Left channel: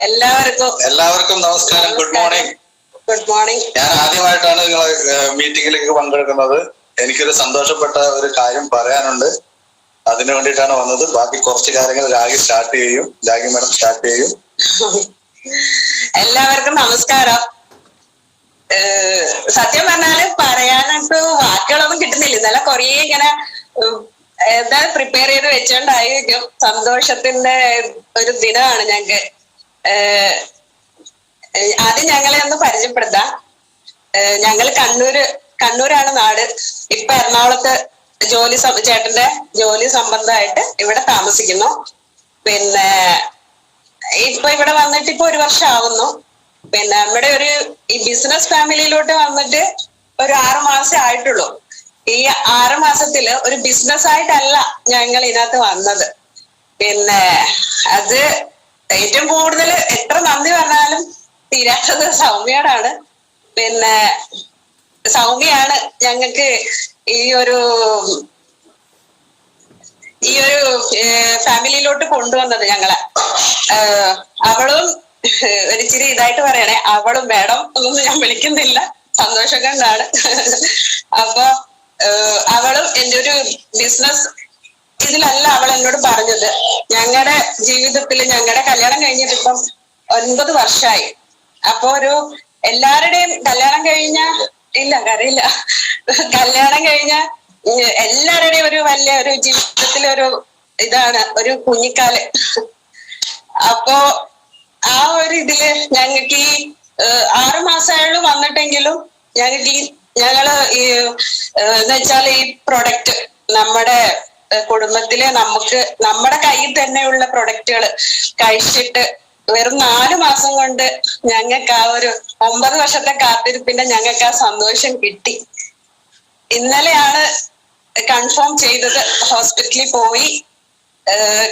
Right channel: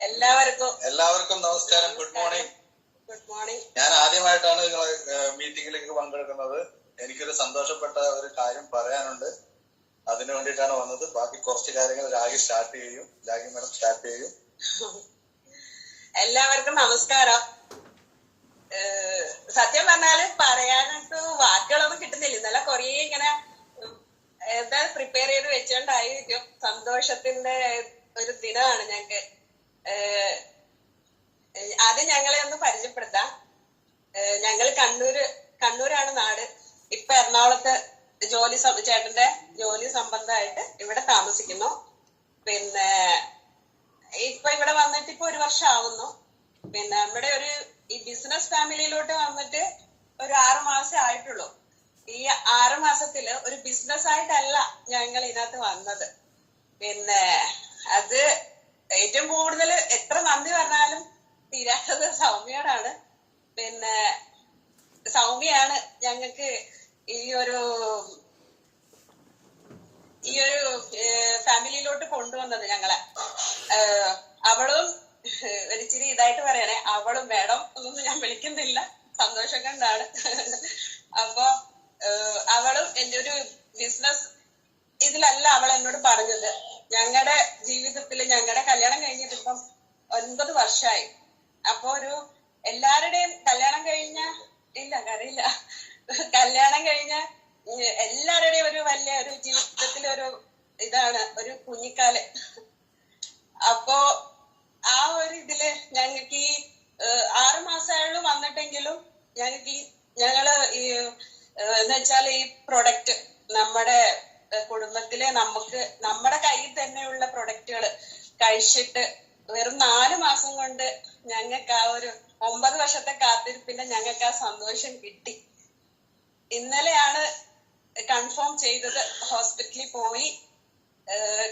എല്ലാവർക്കും നമസ്കാരം. Good morning. ഞാൻ ആദ്യമായിട്ടാണ് നിങ്ങളെ മീറ്റിംഗിലേക്ക് പങ്കെടുക്കുന്നത്. എനിക്കൊരു സന്തോഷപ്പെട്ട ഒരു കാര്യം പറയാനുണ്ട്. അതിനു വേണ്ടിയിട്ടാണ് വന്നത്. ബാക്കി കുറച്ച് കാര്യങ്ങൾ രാഗി മാഡം സ്റ്റാർട്ട് ചെയ്യും. എല്ലാവർക്കും നമസ്കാരം. സത്യം പറഞ്ഞാല് പറയാനായിട്ട് വാക്കുകളൊന്നും കിട്ടുന്നില്ല. ഇന്നലെ കൊറേ ഇങ്ങനെ എന്താ പ്രിപ്പയർ ചെയ്ത് വെച്ചോണ്ടായിരിക്കും. സന്തോഷത്തിന്റെ ഒരു ദിനമാണ് ഞങ്ങക്ക്. ആദ്യം ഞങ്ങളെ ഒന്ന് പരിചയപ്പെടുത്താം. ഞങ്ങൾ കണ്ണൂരാണ് നാട്. ഇപ്പൊ എറണാകുളത്ത് ചേട്ടന്റെ ജോലി സംബന്ധമായിട്ട് ഇവിടെ താമസിക്കുന്നു. പിന്നെ ഇപ്പൊ ഇവിടെ വന്നിട്ട് ഇപ്പൊ 1 വർഷം ആവുന്നു. പിന്നെ നമ്മുടെ ഈ ബിസിനസ് ഫാമിലിയിലോട്ട് വന്നിട്ട് ഒരു 6 മാസം ആയിട്ടുള്ളൂ. ഈ 6 മാസത്തില് ഒരു ബിസിനസ് ആയിട്ടല്ല ഞങ്ങൾ ഇതിനകത്ത് വന്നത്. പിന്നെ അത് ഏറ്റവും കൂടുതൽ എത്ര നന്ദി പറഞ്ഞാലും തീരാത്തത് സൗമ്യയോടാണ്. പിന്നെ സൗമ്യയാണ് ഞങ്ങൾക്ക് ഈ ഒരു ഫാമിലിയിലോട്ട് കൊണ്ടുവന്നത് ഞങ്ങളെ. അവളും ഒരിച്ചിരി ഇതായിട്ട് പറയണേ, അവളും മേഡം ഒന്നും ഞാൻ വിളിക്കുന്നില്ല, സന്തോഷം കൊണ്ടാണ്. അപ്പൊ അവളും എൻ്റെ ഒരു ബിസിനസ് ഇതിലല്ല അവൾ എന്നോട് പറഞ്ഞത്. ഞങ്ങളുടെ ജീവിതത്തിൽ ഞങ്ങളുടെ കല്യാണം കഴിഞ്ഞിട്ട് ഇപ്പം 9 വർഷമായി. അപ്പൊ എല്ലാവരുടെയും കല്യാണം കഴിഞ്ഞ കരയില്ല, കല്യാണം കഴിഞ്ഞ എല്ലാവരുടെയും ഒരു ജീവിതത്തിലെ ഇതാണ് ഒരു കുഞ്ഞിക്കാല്. അപ്പോ ആ ഇതില് ഞങ്ങൾക്ക് ഈ 6 മാസമായുള്ളൂ വന്നിട്ടെങ്കിലും ഞങ്ങള് എന്ന് വെച്ചാൽ ഈ പ്രൊഡക്റ്റ് നമ്മുടെ കുടുംബത്തിലെ നമ്മുടെ കയ്യിൽ തന്നെയുള്ള പ്രൊഡക്റ്റുകൾ കഴിച്ചിട്ട് വെറും 4 മാസം കൊണ്ട് ഞങ്ങൾക്ക് ആ 9 വർഷത്തെ കാത്തിരിപ്പിന്റെ ഞങ്ങൾക്ക് ആ സന്തോഷം കിട്ടി. ഇന്നലെയാണ് കൺഫേം ചെയ്തത്. ഹോസ്പിറ്റലിൽ പോയി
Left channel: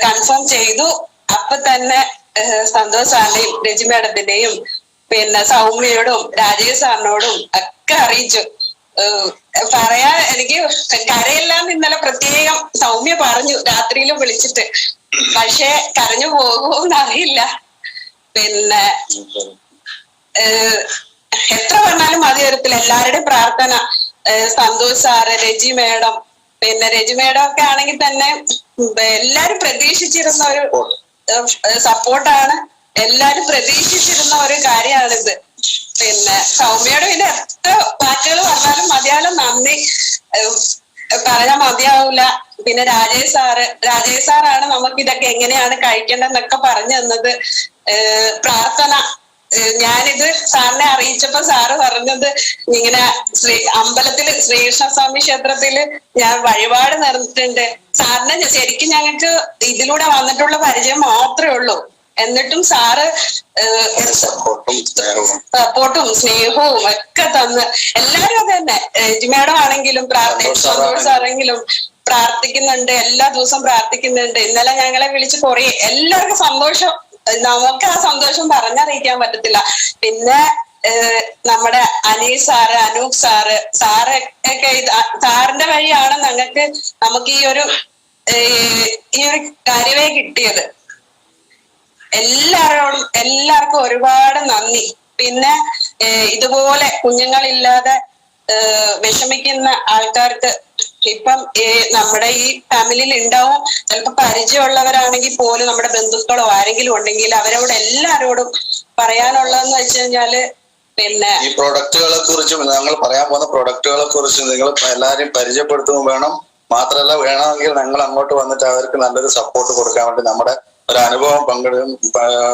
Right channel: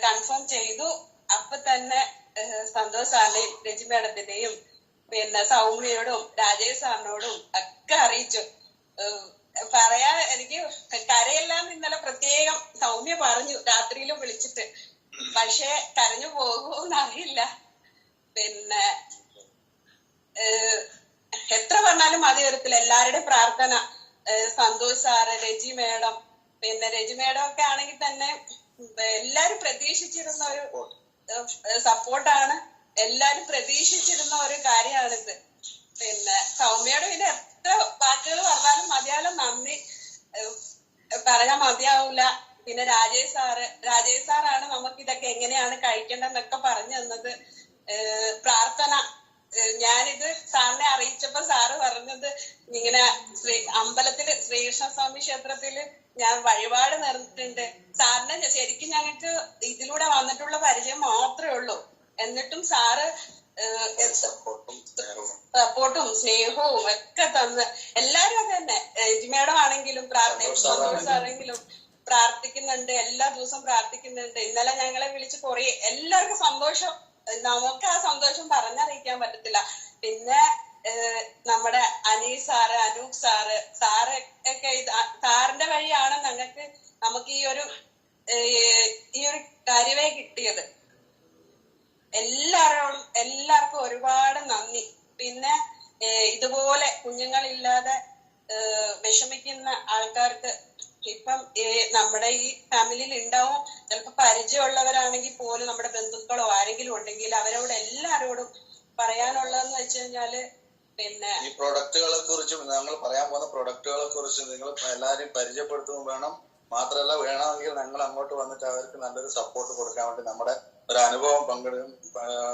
കൺഫേം ചെയ്തു. അപ്പൊ തന്നെ സന്തോഷ് സാറിനെയും രജി മാഡത്തിന്റെയും പിന്നെ സൗമ്യയോടും രാജേഷ് സാറിനോടും ഒക്കെ അറിയിച്ചു. എനിക്ക് കരയെല്ലാം ഇന്നലെ പ്രത്യേകം സൗമ്യ പറഞ്ഞു രാത്രിയിലും വിളിച്ചിട്ട്. പക്ഷെ കരഞ്ഞു പോകുമെന്ന് അറിയില്ല. പിന്നെ എത്ര പറഞ്ഞാലും മതി തരത്തിൽ എല്ലാവരുടെയും പ്രാർത്ഥന. സന്തോഷ് സാറ്, രജി മേഡം, പിന്നെ രജി മേഡം ഒക്കെ ആണെങ്കിൽ തന്നെ എല്ലാരും പ്രതീക്ഷിച്ചിരുന്ന ഒരു സപ്പോർട്ടാണ്. എല്ലാരും പ്രതീക്ഷിച്ചിരുന്ന ഒരു കാര്യമാണിത്. പിന്നെ സൗമ്യയുടെ പിന്നെ എത്ര വാക്കുകൾ പറഞ്ഞാലും മതിയാലും നന്ദി പറയാൻ മതിയാവൂല. പിന്നെ രാജേഷ് സാറാണ് നമുക്ക് ഇതൊക്കെ എങ്ങനെയാണ് കഴിക്കേണ്ടതെന്നൊക്കെ പറഞ്ഞു തന്നത്. പ്രാർത്ഥന ഞാനിത് സാറിനെ അറിയിച്ചപ്പോ സാറ് പറഞ്ഞത് ഇങ്ങനെ അമ്പലത്തില് ശ്രീകൃഷ്ണസ്വാമി ക്ഷേത്രത്തില് ഞാൻ വഴിപാട് നടന്നിട്ടുണ്ട്. സാറിന് ശരിക്കും ഞങ്ങൾക്ക് ഇതിലൂടെ വന്നിട്ടുള്ള പരിചയം മാത്രമേ ഉള്ളൂ. എന്നിട്ടും സാറ് സപ്പോർട്ടും സ്നേഹവും ഒക്കെ തന്ന് എല്ലാരും അത് തന്നെ. രജിമേഡം ആണെങ്കിലും സന്തോഷ് സാറെങ്കിലും പ്രാർത്ഥിക്കുന്നുണ്ട്, എല്ലാ ദിവസവും പ്രാർത്ഥിക്കുന്നുണ്ട്. ഇന്നലെ ഞങ്ങളെ വിളിച്ച് കുറേ എല്ലാവർക്കും സന്തോഷം. നമുക്ക് ആ സന്തോഷം പറഞ്ഞറിയിക്കാൻ പറ്റത്തില്ല. പിന്നെ നമ്മുടെ അനീഷ് സാറ്, അനൂപ് സാറ് ഒക്കെ സാറിന്റെ വഴിയാണ് നമുക്ക് ഈ ഒരു കാര്യമേ കിട്ടിയത്. എല്ലാവർക്കും ഒരുപാട് നന്ദി. പിന്നെ ഇതുപോലെ കുഞ്ഞുങ്ങളില്ലാതെ വിഷമിക്കുന്ന ആൾക്കാർക്ക് ഇപ്പം നമ്മുടെ ഈ ഫാമിലിയിൽ ഉണ്ടാവും. ചിലപ്പോ പരിചയമുള്ളവരാണെങ്കിൽ പോലും നമ്മുടെ ബന്ധുക്കളോ ആരെങ്കിലും ഉണ്ടെങ്കിൽ അവരോട് എല്ലാരോടും പറയാനുള്ളതെന്ന് വെച്ച് കഴിഞ്ഞാല് പിന്നെ ഈ പ്രൊഡക്റ്റുകളെ കുറിച്ച് ഞങ്ങൾ പറയാൻ പോകുന്ന പ്രൊഡക്റ്റുകളെ കുറിച്ച് നിങ്ങൾ എല്ലാവരും പരിചയപ്പെടുത്തുകയും വേണം. മാത്രമല്ല വേണമെങ്കിൽ ഞങ്ങൾ അങ്ങോട്ട് വന്നിട്ട് അവർക്ക് നല്ലൊരു സപ്പോർട്ട് കൊടുക്കാൻ വേണ്ടി നമ്മുടെ ഒരു അനുഭവം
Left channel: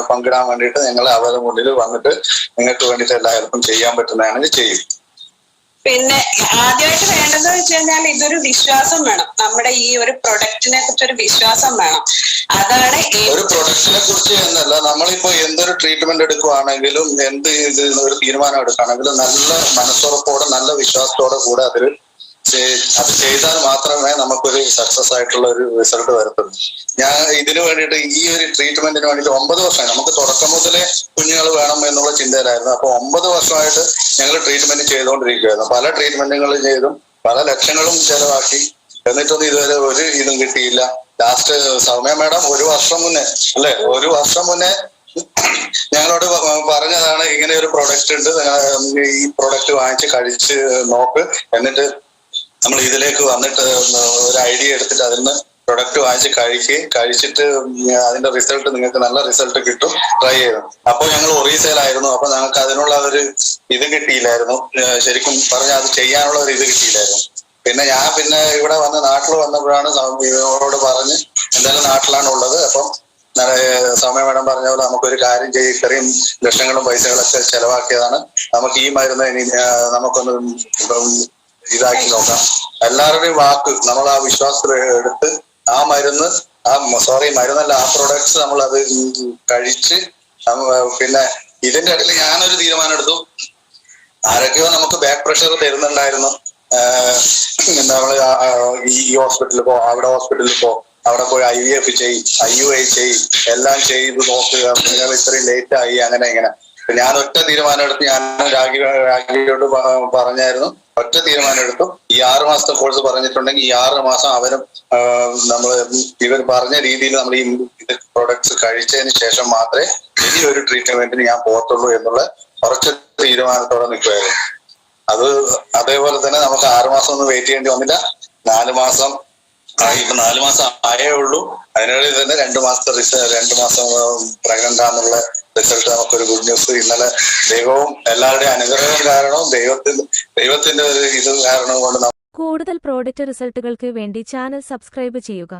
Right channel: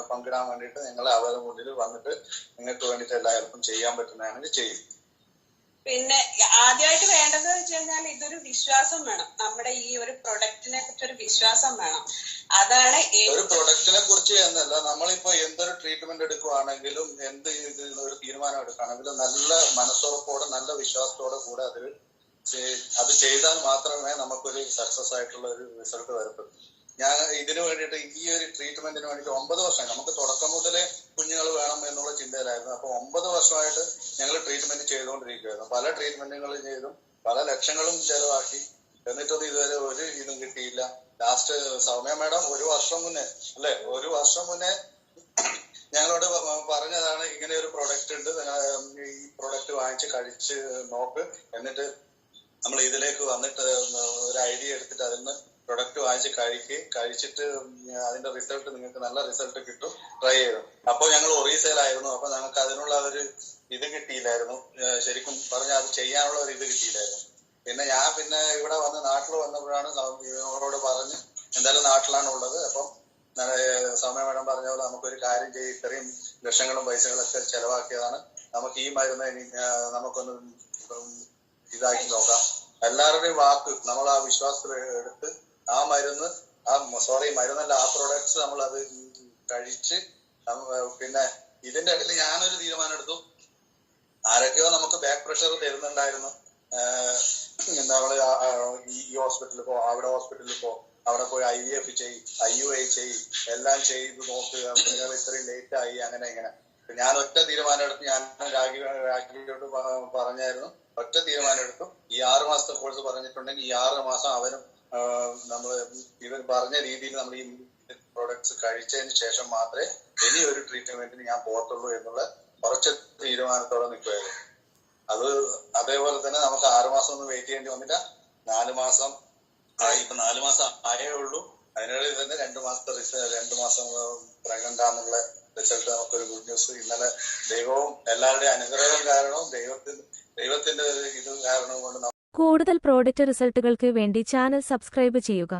പങ്കിടാൻ വേണ്ടിയിട്ട് ഞങ്ങൾ അവരുടെ മുന്നിൽ വന്നിട്ട് നിങ്ങൾക്ക് വേണ്ടിയിട്ട് എല്ലാ ഹെൽപ്പും ചെയ്യാൻ പറ്റുന്നതാണെങ്കിൽ ചെയ്യും. പിന്നെ ആദ്യമായിട്ട് വേണ്ടതെന്ന് വെച്ച് കഴിഞ്ഞാൽ ഇതൊരു വിശ്വാസം വേണം. നമ്മുടെ ഈ ഒരു പ്രൊഡക്റ്റിനെ കുറിച്ച് ഒരു വിശ്വാസം വേണം. അതാണ് ഒരു പ്രൊഡക്റ്റിനെ കുറിച്ച് എന്നല്ല, നമ്മളിപ്പോ എന്തൊരു ട്രീറ്റ്മെന്റ് എടുക്കുവാണെങ്കിലും എന്ത് ഒരു തീരുമാനം എടുക്കുകയാണെങ്കിലും നല്ല മനസ്സുറപ്പോടെ നല്ല വിശ്വാസത്തോടെ കൂടെ അത് ചെയ്താൽ മാത്രമേ നമുക്കൊരു സക്സസ് ആയിട്ടുള്ള ഒരു റിസൾട്ട് വരത്തുള്ളൂ. ഞാൻ ഇതിനു വേണ്ടിയിട്ട് ഈ ഒരു ട്രീറ്റ്മെന്റിന് വേണ്ടിയിട്ട് 9 വർഷമായി. നമുക്ക് തുടക്കം മുതലേ കുഞ്ഞുങ്ങൾ വേണം എന്നുള്ള ചിന്തയിലായിരുന്നു. അപ്പൊ 9 വർഷമായിട്ട് ഞങ്ങൾ ട്രീറ്റ്മെന്റ് ചെയ്തുകൊണ്ടിരിക്കുകയായിരുന്നു. പല ട്രീറ്റ്മെന്റുകളും ചെയ്തും പല ലക്ഷങ്ങളും ചെലവാക്കി. എന്നിട്ടൊന്നും ഇതുവരെ ഒരു ഇതും കിട്ടിയില്ല. ലാസ്റ്റ് സൗമ്യ മാഡം 1 വർഷം മുന്നേ ഞങ്ങളോട് പറഞ്ഞതാണ് ഇങ്ങനെ ഒരു പ്രൊഡക്റ്റ് ഉണ്ട്, ഈ പ്രൊഡക്റ്റ് വാങ്ങിച്ച് കഴിച്ച് നോക്ക്, എന്നിട്ട് നമ്മൾ ഇതിലേക്ക് വന്നിട്ട് ഒരു ഐഡിയ എടുത്തിട്ട് അതിൽ നിന്ന് പ്രൊഡക്റ്റ് വാങ്ങിച്ച് കഴിച്ചിട്ട് അതിന്റെ റിസൾട്ട് നിങ്ങൾക്ക് നല്ല റിസൾട്ട് കിട്ടും, ട്രൈ ചെയ്തു. അപ്പോൾ ഞങ്ങൾ ഒറീസയിലായിരുന്നു. അപ്പൊ ഞങ്ങൾക്ക് അതിനുള്ള ഒരു ഇത് കിട്ടിയില്ലായിരുന്നു, ശരിക്കും പറഞ്ഞാൽ അത് ചെയ്യാനുള്ള ഒരു ഇത് കിട്ടിയില്ലായിരുന്നു. പിന്നെ ഇവിടെ നാട്ടിൽ വന്നപ്പോഴാണ് ഇവരോട് പറഞ്ഞ് എന്തായാലും നാട്ടിലാണ് ഉള്ളത്, അപ്പം സൗമ്യ മേഡം പറഞ്ഞ പോലെ നമുക്കൊരു കാര്യം ചെയ്യും, ഇത്രയും ലക്ഷങ്ങളും പൈസകളൊക്കെ ചെലവാക്കിയതാണ്, നമുക്ക് ഈ മരുന്ന് ഇനി നമുക്കൊന്ന് ഇതാക്കി നോക്കാം. എല്ലാവരുടെയും വാക്ക് നമ്മൾ ആ വിശ്വാസത്തിൽ എടുത്ത് ആ മരുന്ന് മരുന്നല്ല, ആ പ്രൊഡക്ട്സ് നമ്മൾ അത് കഴിച്ച് പിന്നെ ഇതിന്റെ ഇടയിൽ ഞാനൊരു തീരുമാനം എടുത്തു. ആരൊക്കെയോ നമുക്ക് ബാക്ക് പ്രഷർ തരുന്നുണ്ടായിരുന്നു, നമ്മള് ഈ ഹോസ്പിറ്റലിൽ പോ, ഹോസ്പിറ്റലിൽ പോ, അവിടെ പോയി IVF ചെയ്യും, IUI ചെയ്യും, എല്ലാം ചെയ്ത് നോക്കുക, നിങ്ങൾ ഇത്രയും ലേറ്റ് ആയി, അങ്ങനെ ഇങ്ങനെ. ഞാൻ ഒറ്റ തീരുമാനം എടുത്ത്, ഞാൻ രാഖിയോട് പറഞ്ഞായിരുന്നു, ഒറ്റ തീരുമാനം എടുത്തു. ഈ 6 മാസത്തെ കോഴ്സ് പറഞ്ഞിട്ടുണ്ടെങ്കിൽ ഈ 6 മാസം അവരും ഇവർ പറഞ്ഞ രീതിയിൽ നമ്മൾ ഈ പ്രൊഡക്ട്സ് കഴിച്ചതിന് ശേഷം മാത്രമേ ഇനി ഒരു ട്രീറ്റ്മെന്റിന് ഞാൻ പോകത്തുള്ളൂ എന്നുള്ള കുറച്ച് തീരുമാനത്തോടെ നിൽക്കുമായിരുന്നു. അതേപോലെ തന്നെ നമുക്ക് 6 മാസം ഒന്നും വെയിറ്റ് ചെയ്യേണ്ടി വന്നില്ല. 4 മാസം ഇപ്പൊ 4 മാസം ആയേ ഉള്ളൂ. അതിനിടയിൽ തന്നെ 2 മാസം പ്രഗ്നന്റ് ആണെന്നുള്ള റിസൾട്ട് നമുക്കൊരു ഗുഡ് ന്യൂസ്. ഇന്നലെ ദൈവവും എല്ലാവരുടെയും അനുഗ്രഹം കാരണവും ദൈവത്തിന്റെ ഒരു ഇത് കാരണം കൊണ്ട് കൂടുതൽ പ്രോഡക്റ്റ് റിസൾട്ടുകൾക്ക് വേണ്ടി ചാനൽ സബ്സ്ക്രൈബ് ചെയ്യുക.